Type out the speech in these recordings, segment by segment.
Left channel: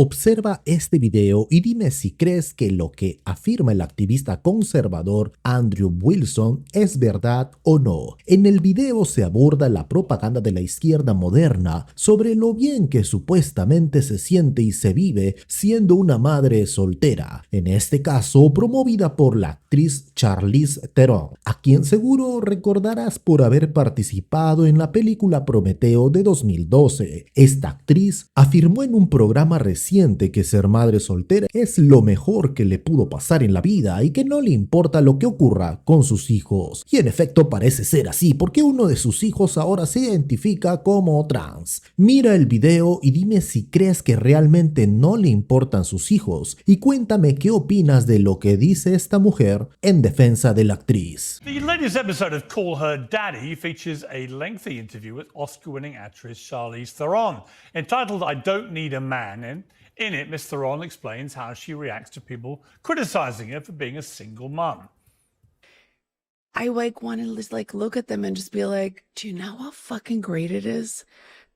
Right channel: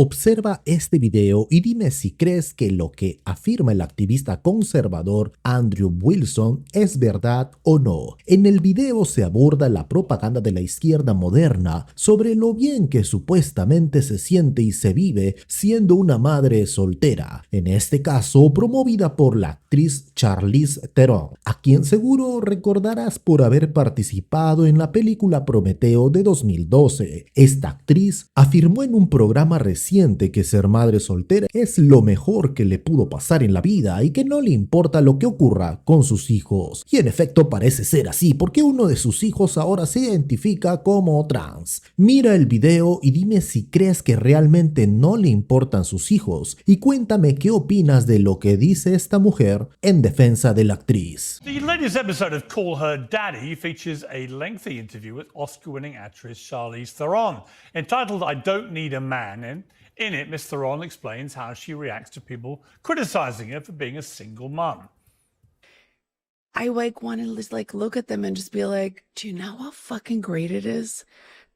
Observa este video y dime si crees que lo que afirma el activista conservador Andrew Wilson es verdad o no. En el video se aborda la propaganda de la izquierda moderna sobre lo bien que supuestamente se siente y se vive siendo una madre soltera, en este caso promovida por la actriz Charlize Theron, a quien seguro recordarás por haber participado en la película Prometeo de 2012. Esta actriz afirmó en un programa reciente que ser madre soltera es lo mejor que le pudo pasar en la vida y que no le importa lo que ocurra con sus hijos. Y en efecto parece ser así, porque uno de sus hijos ahora se identifica como trans. Mira el video y dime si crees que realmente no le importan sus hijos, y cuéntame qué opinas de lo que dice esta mujer en defensa de la actriz. The latest episode of Call Her Daddy features a lengthy interview with Oscar-winning actress Charlize Theron, entitled I Don't Need a Man, and in it, Miss Theron explains how she reacts to people criticizing her for being a single mum. I want to just look at them and just be like, do you know how fucking great it is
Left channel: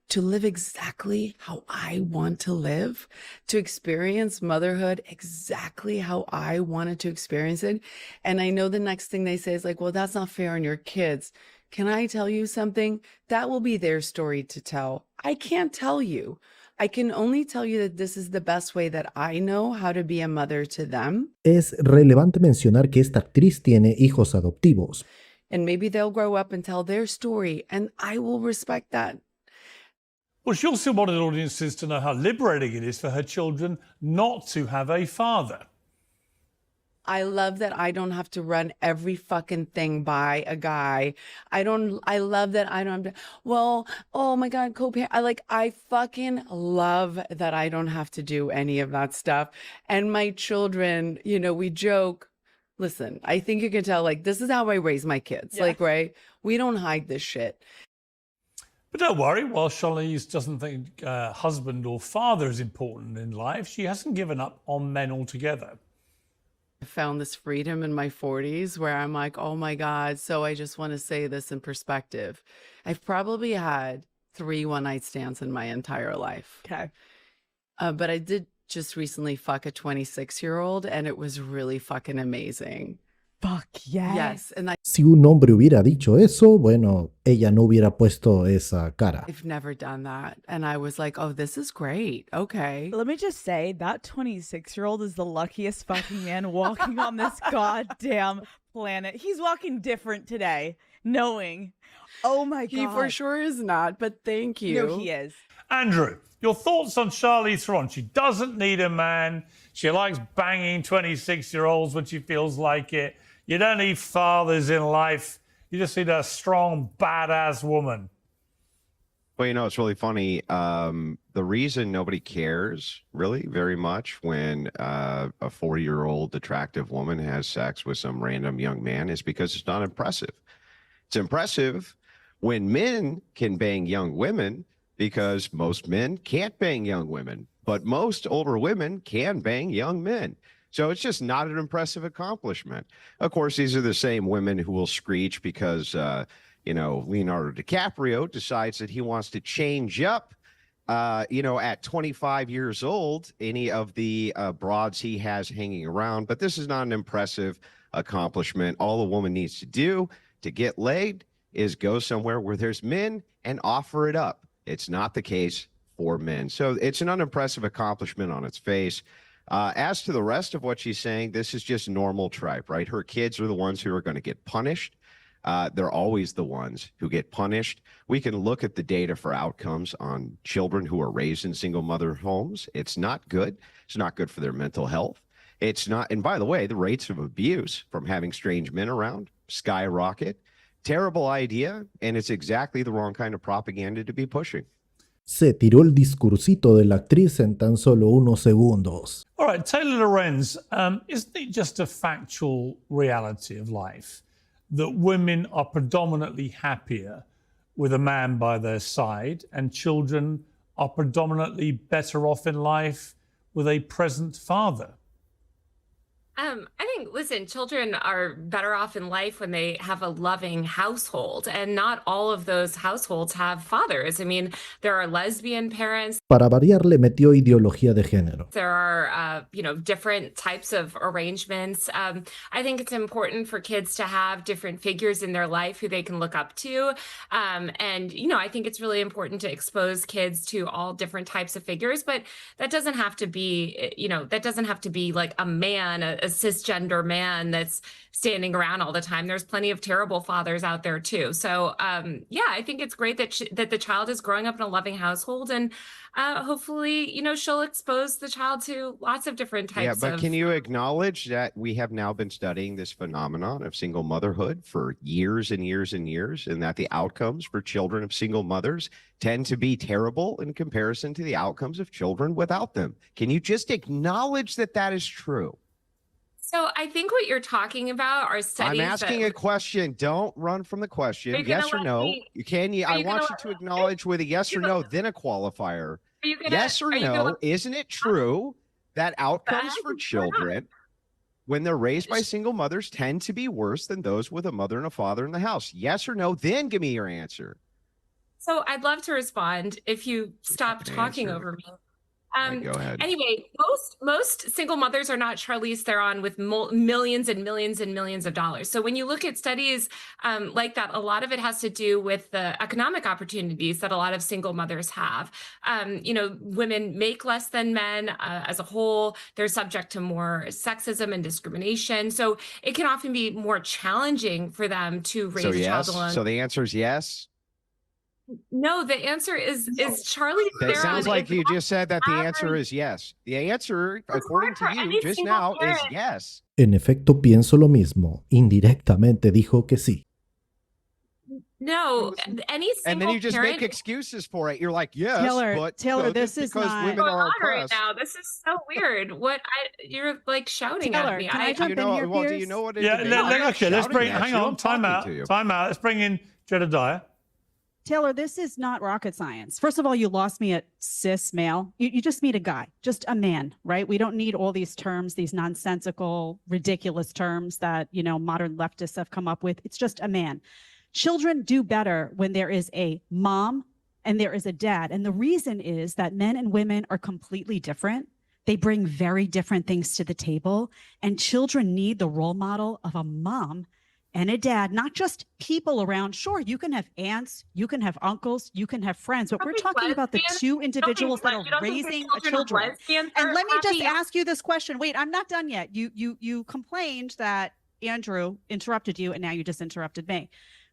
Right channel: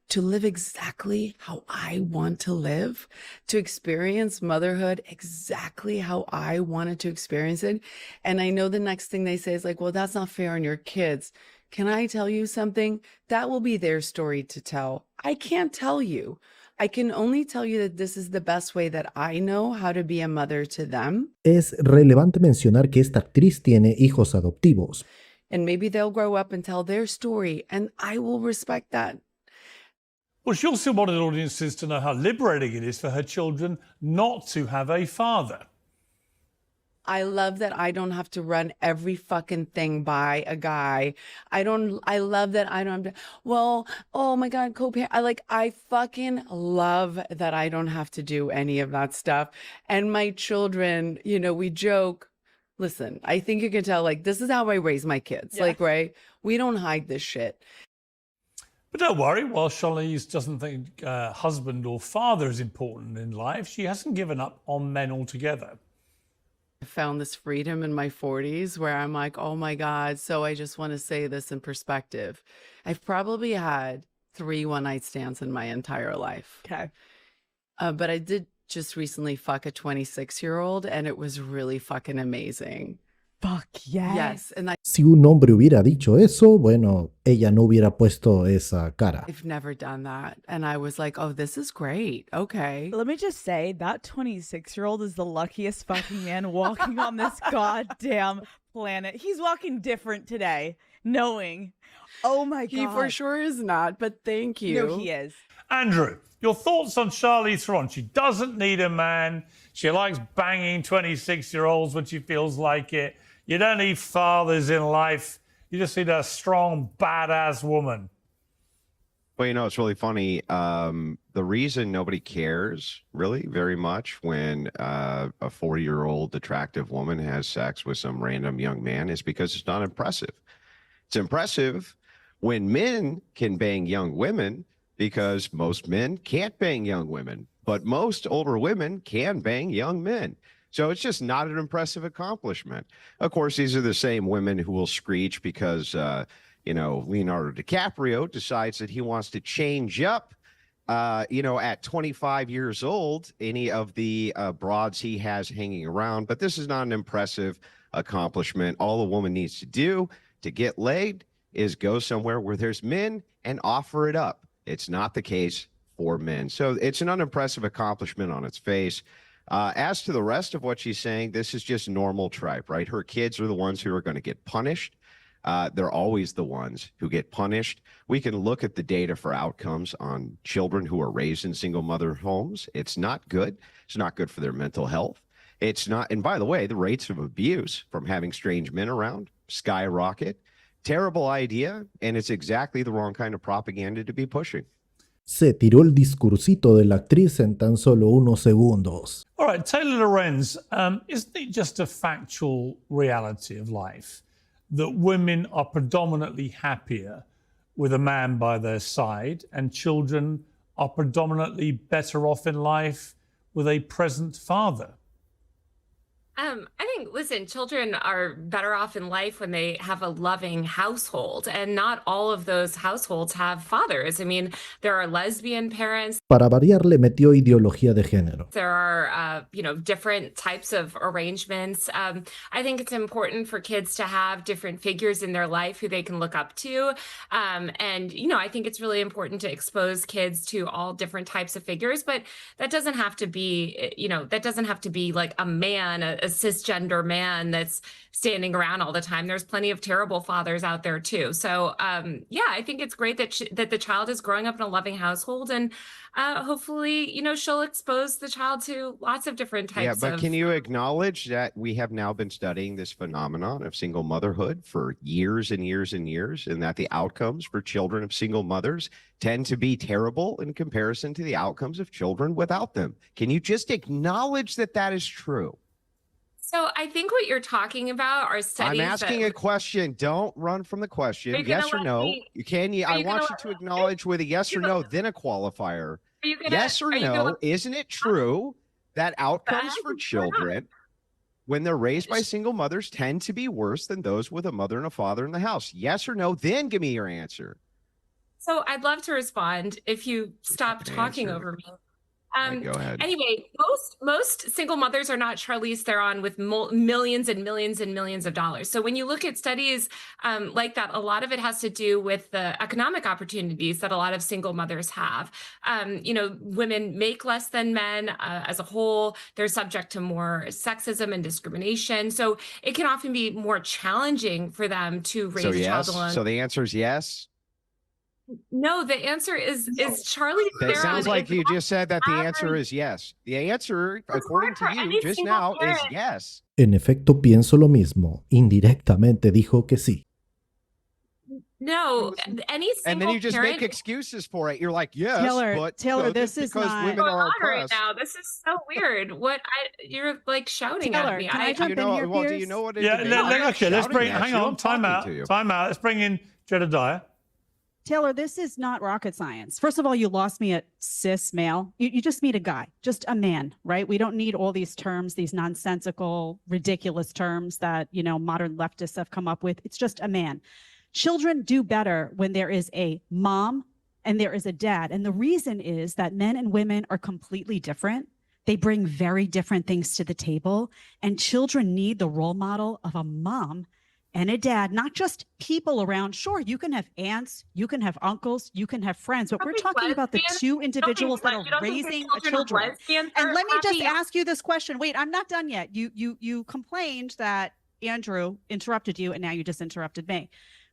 to live exactly how I want to live, to experience motherhood exactly how I wanted to experience it? And I know the next thing they say is like, well, that's not fair on your kids. Can I tell you something? That will be their story to tell. I can't tell you. I can only tell you that this is the best way that I know how to be a mother to them. Es relevante mencionar que esta actriz tiene hijos adoptivos. And maybe they'll grow up and tell their story, and I will respect that. Well, she also wanted audiences to know how liberating it is for her children not to have a father. I love that I don't have to run every fucking thing by a guy. I love that I don't have to, well, oh my God, co-parent. I fucking love that I don't have to do any of that stuff. And my children, we joke. Listen, I think you can tell, this is how I raise my kids. Yeah. Right? We don't hide this shit. But don't worry, while Charlize doesn't think husband or father is important in life, she hasn't given up on men altogether. I found this freedom in my 40s where I'm like, oh my God. So I just want to say this in perspective. I've probably had 3 one-night stands in my entire life. Okay. But I did just recently fuck a 26-year-old and it was really fucking amazing. Fuck yes. Yes. And Si un hombre hubiera dicho eso, bueno, ella no hubiera puesto esa cara. I've never done that. And I was like, oh, this is great. Okay. Let me just say, that 26-year-old is the luckiest fucking man walking on this goddamn planet. He's walking different today, knowing, oh my God. He for sure is not, but thank you. No, he is. Andrew, your thoughts on Charlize Theron? She doesn't need a man. She likes banging 26-year-olds when she feels like it. You don't need fathers in life. You just need a strong, badass woman. Well, it's really funny. The reason nobody cares really very much when a 40-year-old attractive woman has sex with some random young man is because it's not impressive. It's impressive when men can bang young women because most men can't bang young women, but most older women can bang young men. So it's just not an impressive accomplishment. Of course, these are the same women who will screech because, Leonardo DiCaprio decides that he wants to change up, at 25 years old, any of the broads he has hanging around. But this is not an impressive accomplishment. All a woman needs to do to get laid is go somewhere where there's men and offer it up. It's not the case for men. So it's an unimpressive accomplishment on its face. As to the rest of what she's saying, this is just normal tripe, right? Her kids are the ones who are going to get punished. They're always the ones who get punished. We can look at the data for outcomes on children who are raised in single mother homes. It's not good. It's not good for their mental health. It's not. And by the way, the rates of abuse from having strange men around skyrocket. Terrible idea. And it's exactly the wrong kind of propaganda to be pushing. Se tiró el discursito de la actriz en tan solo unos segundos. All right, Taylor Lorenz, isn't it just a factual reality of life that women are predominantly happier with a man by their side and children are predominantly better off in life with a present father? I think, listen, children are better off in life when they have a loving household, and not all of those households have fathers. I mean, there are lesbian parents. Para variar, le metió ideología de género. There are, different types of arrangements. I think it's important for kids to have different figures in their life who they can look up to. I think it's really important to expose kids to all different types of figures, but that doesn't have to be, like a man, a cisgender man that's standing around all the time. There's plenty of terrible fathers out there too. So, I think it's great that the child is growing up in a loving household, and hopefully, she'll expose the child to lots of different types Yeah, but of. can you acknowledge that we have now been studying this phenomenon of single motherhood for years and years and years, and that the outcomes for children of single mothers tend to be terrible in comparison to the outcomes of children without them? Can you just acknowledge that that is true? So I think what you're talking about are studies. I'm asking a question. Don't run from the question. Yes or no? I want you to acknowledge with a yes or no, then a qualifier. Yes or no? Isn't it true that outcomes for children when they're raised by single mothers tend to be worse than those with a mother and a father in the house? Yes or no? Then give me your answer. So I'd love to respond if you stop talking over me. Go ahead. Anyway, most single mothers are not Charlize Theron with millions and millions and millions of dollars. So when you look at studies like that, a lot of it has to do with the economic opportunities that a lot of single mothers have. Women make less than men as a whole. They're subject to more sexism and discrimination. So it can often be more challenging for them to raise a child alone. So the answer is yes? No, the answer is Charlie. It sounds like you just said that the answer is yes. The answer, according to you just now, is yes. En efecto, pienso lo mismo. Indirectamente dijo que sí. No, any single And then you just parent, make excuses for it. You're like, yes, Taylor, but this is because not women going are on right oppressed. now. This is so weird. You're like shouting Taylor, at me. can I jump in here, Do you Piers? know what it Yeah, is? okay, let's bring, hang on, time out. Let's bring in Jedediah. Taylor, this is not rocket science. First of all, you lost me at cis male. You just meet a guy, just a man, right? We don't need all these terms, these nonsensical, ridiculous terms that, modern leftists have come up with. It's just a man. Children do better when there is a mom and there is a dad. And the reason is that men and women are completely different. They bring very different things to the table. And children need the role model of a mom and a dad, not just people around. Sure, you can have aunts, you can have uncles, you can have friends, but we're talking about the two individuals that are raising a children. And let me just ask you this question. Wait, I'm not done yet. You complained that Andrew interrupted you, and now you just interrupted me.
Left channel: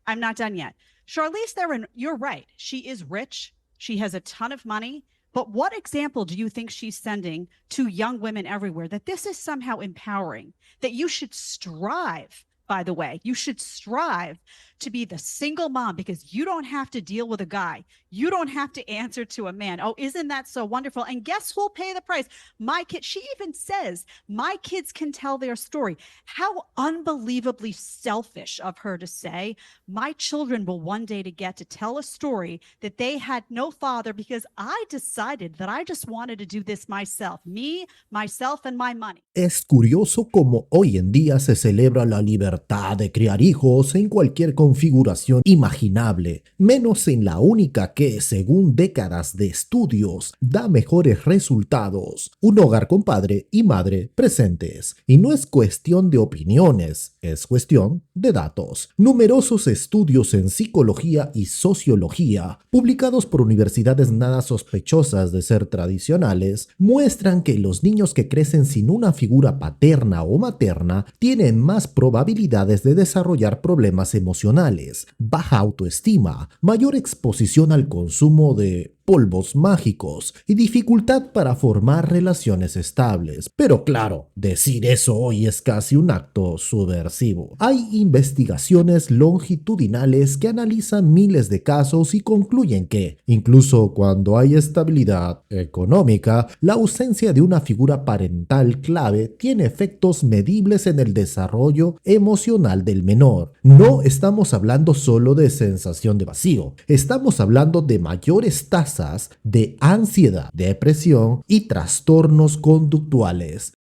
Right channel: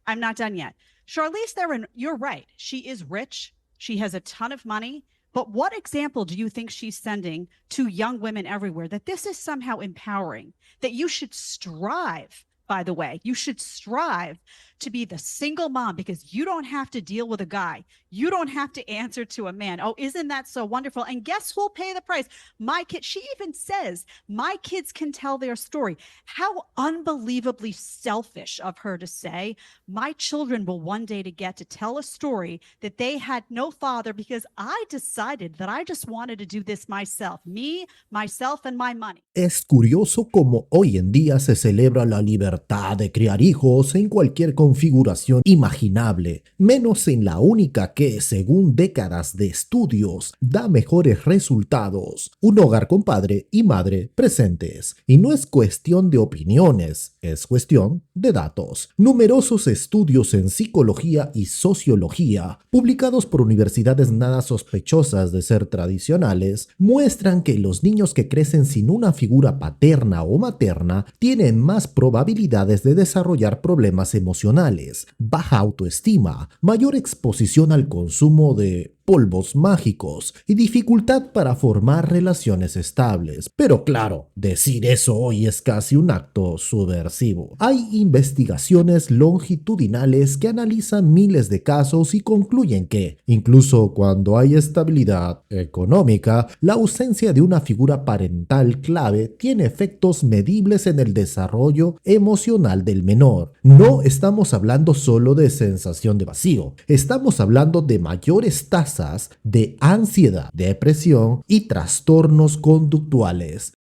I'm not done yet. Charlize Theron, you're right. She is rich. She has a ton of money. But what example do you think she's sending to young women everywhere that this is somehow empowering, that you should strive? By the way, you should strive to be the single mom because you don't have to deal with a guy. You don't have to answer to a man. Oh, isn't that so wonderful? And guess who'll pay the price? My kid. She even says, my kids can tell their story. How unbelievably selfish of her to say, my children will one day to get to tell a story that they had no father because I decided that I just wanted to do this myself. Me, myself, and my money. Es curioso cómo hoy en día se celebra la libertad de criar hijos en cualquier configuración imaginable, menos en la única que, según décadas de estudios, da mejores resultados: un hogar con padre y madre presentes. Y no es cuestión de opiniones, es cuestión de datos. Numerosos estudios en psicología y sociología, publicados por universidades nada sospechosas de ser tradicionales, muestran que los niños que crecen sin una figura paterna o materna tienen más probabilidades de desarrollar problemas emocionales, baja autoestima, mayor exposición al consumo de polvos mágicos y dificultad para formar relaciones estables. Pero claro, decir eso hoy es casi un acto subversivo. Hay investigaciones longitudinales que analizan miles de casos y concluyen que, incluso cuando hay estabilidad económica, la ausencia de una figura parental clave tiene efectos medibles en el desarrollo emocional del menor. No estamos hablando solo de sensación de vacío, estamos hablando de mayores tasas de ansiedad, depresión y trastornos conductuales.